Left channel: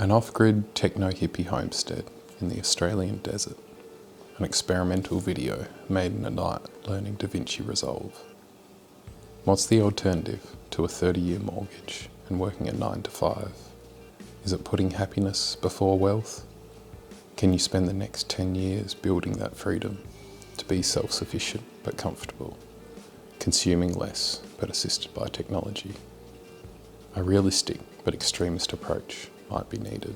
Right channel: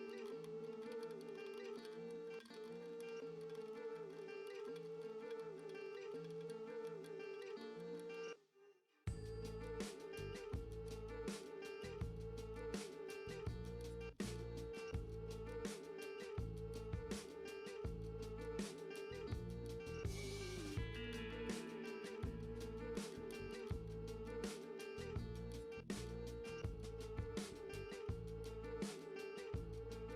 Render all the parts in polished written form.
An off-grid techno hippie homestead in the Australian desert. An experimental video made in a night learning DaVinci Resolve. What's the alternative to a 30-year mortgage and working a 9 to 5? Is it putting happiness before wealth? Can you spend the next 10 years building that freedom to be self-sufficient but comfortable, consuming less but assisted by technology? A realistic but extremist approach might be needed.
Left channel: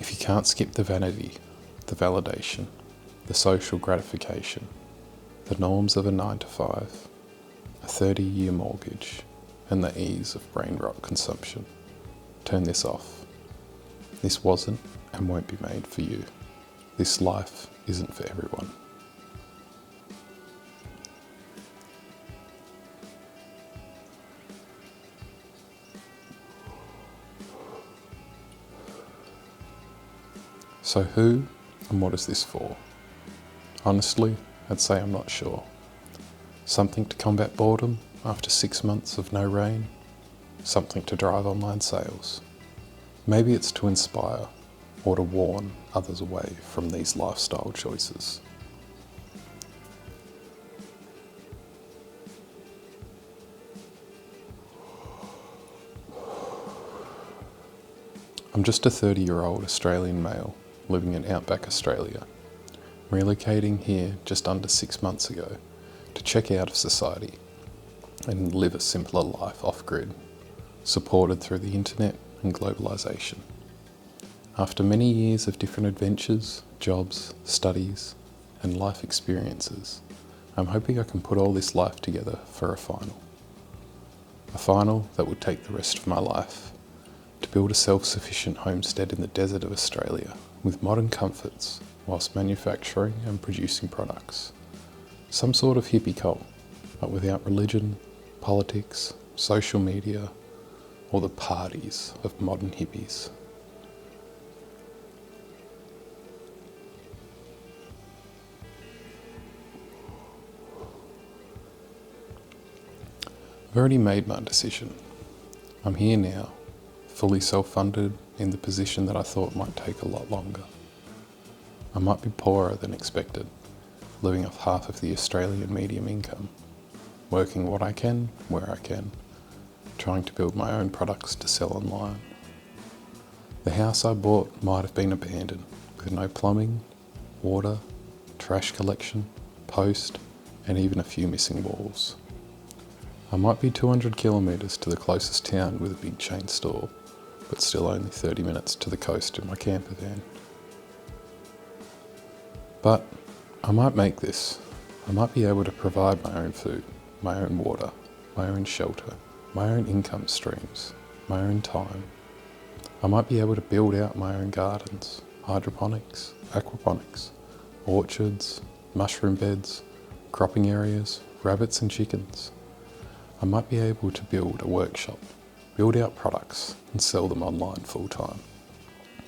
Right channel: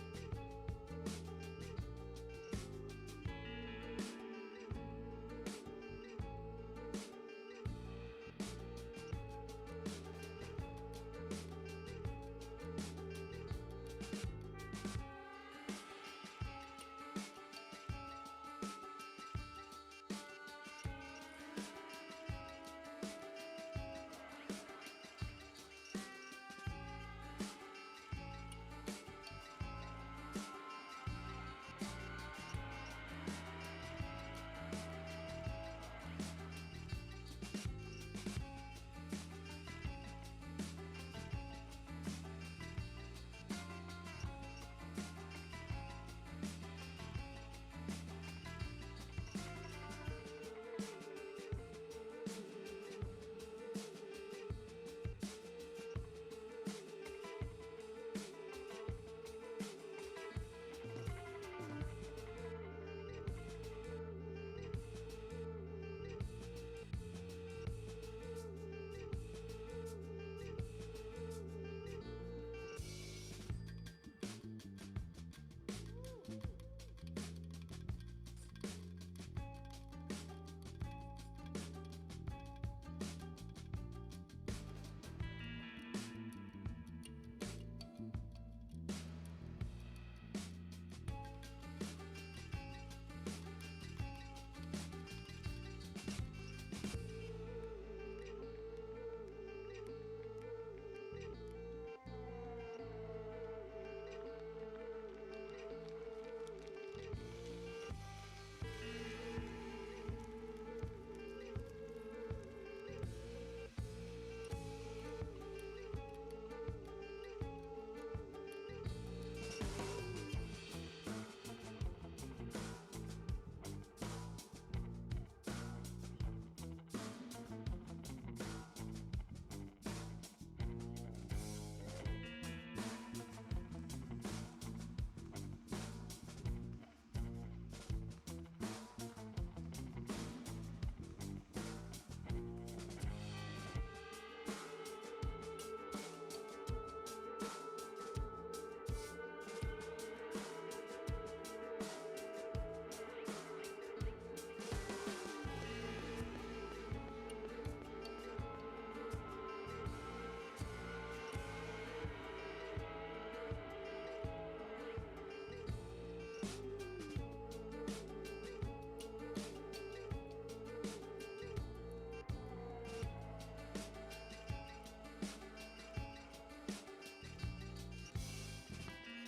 If you can't skip the vanity, the validation, the social gratification, the norms of a 9 to 5, a 30-year mortgage, and the ease of brain rot consumption, turn this off. This wasn't and won't be made for you. This life isn't for everyone. So who and what is this for? Honestly, I'd say I'm not sure. Something to combat boredom after 6 months of no rain? Something to drive online sales? Maybe it's to inspire or to warn others away from these lifestyle choices. I'm just a 30-year-old Australian male living in outback Australia, relocating here just under 6 months ago to check out of society and live a simpler life off-grid, supported through the internet and globalisation. After many years of different adventures, jobs, studies, and life experiences, I'm hoping I can put all this life together for a final. A final that would take the rest of my life to build a self-sufficient homestead in the desert of Australia with modern comforts whilst manufacturing and producing products. Some sort of hippie cult, but without religion, politics, social media, or the parties of modern hippies. I've already made my decision. I'm here now, fully self-funded, in the position that I thought might take a lot longer. I might be poorer than expected, living off half of the Australian medium income, working what I can, where I can, trying to build my own products to sell online. The house I bought might have been abandoned, with no plumbing, water, trash collection, post, and even a few missing walls. I might be 200 kilometres to the closest town with a big chain store, but still only 30 minutes to the coast in my camper van. But I might make this. I might be able to provide my own food, my own water, my own shelter, my own income streams, my own time. I might be able to build out my own gardens, hydroponics, aquaponics, orchards, mushroom beds, cropping areas, rabbits and chickens. I might be able to build a workshop, build out products and sell them online full time.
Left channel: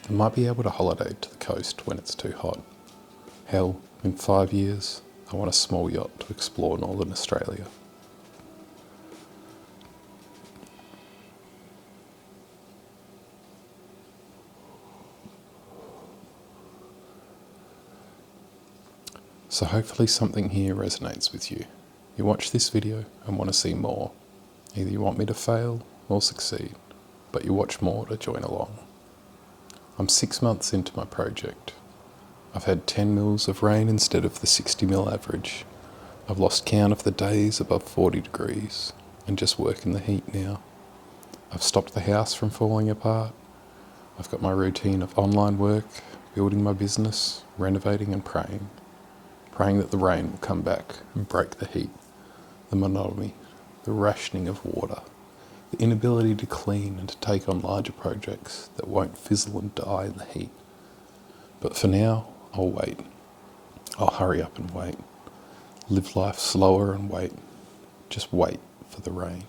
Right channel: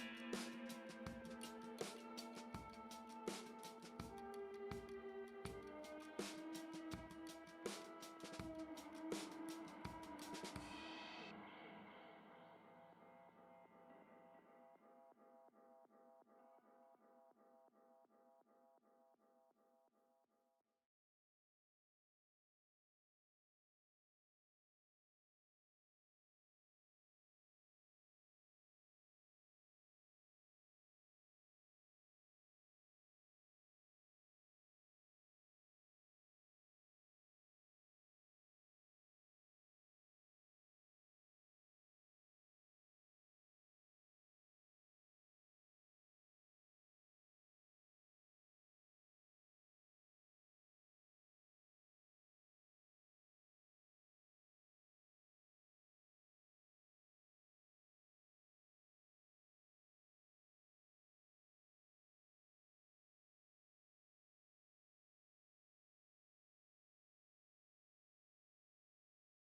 I might be able to holiday to the coast when it's too hot. Hell, in 5 years, I want a small yacht to explore northern Australia. So hopefully something here resonates with you. You watch this video and want to see more. Either you want me to fail or succeed, but you watch more to join along. I'm 6 months into my project. I've had 10 mils of rain instead of the 60 mil average. I've lost count of the days above 40 degrees and just work in the heat now. I've stopped the house from falling apart. I've got my routine of online work, building my business, renovating and praying that the rain will come back and break the heat, the monotony, the rationing of water, the inability to clean and to take on larger projects that won't fizzle and die in the heat. But for now, I'll wait. I'll hurry up and wait. Live life slower and wait. Just wait for the rain.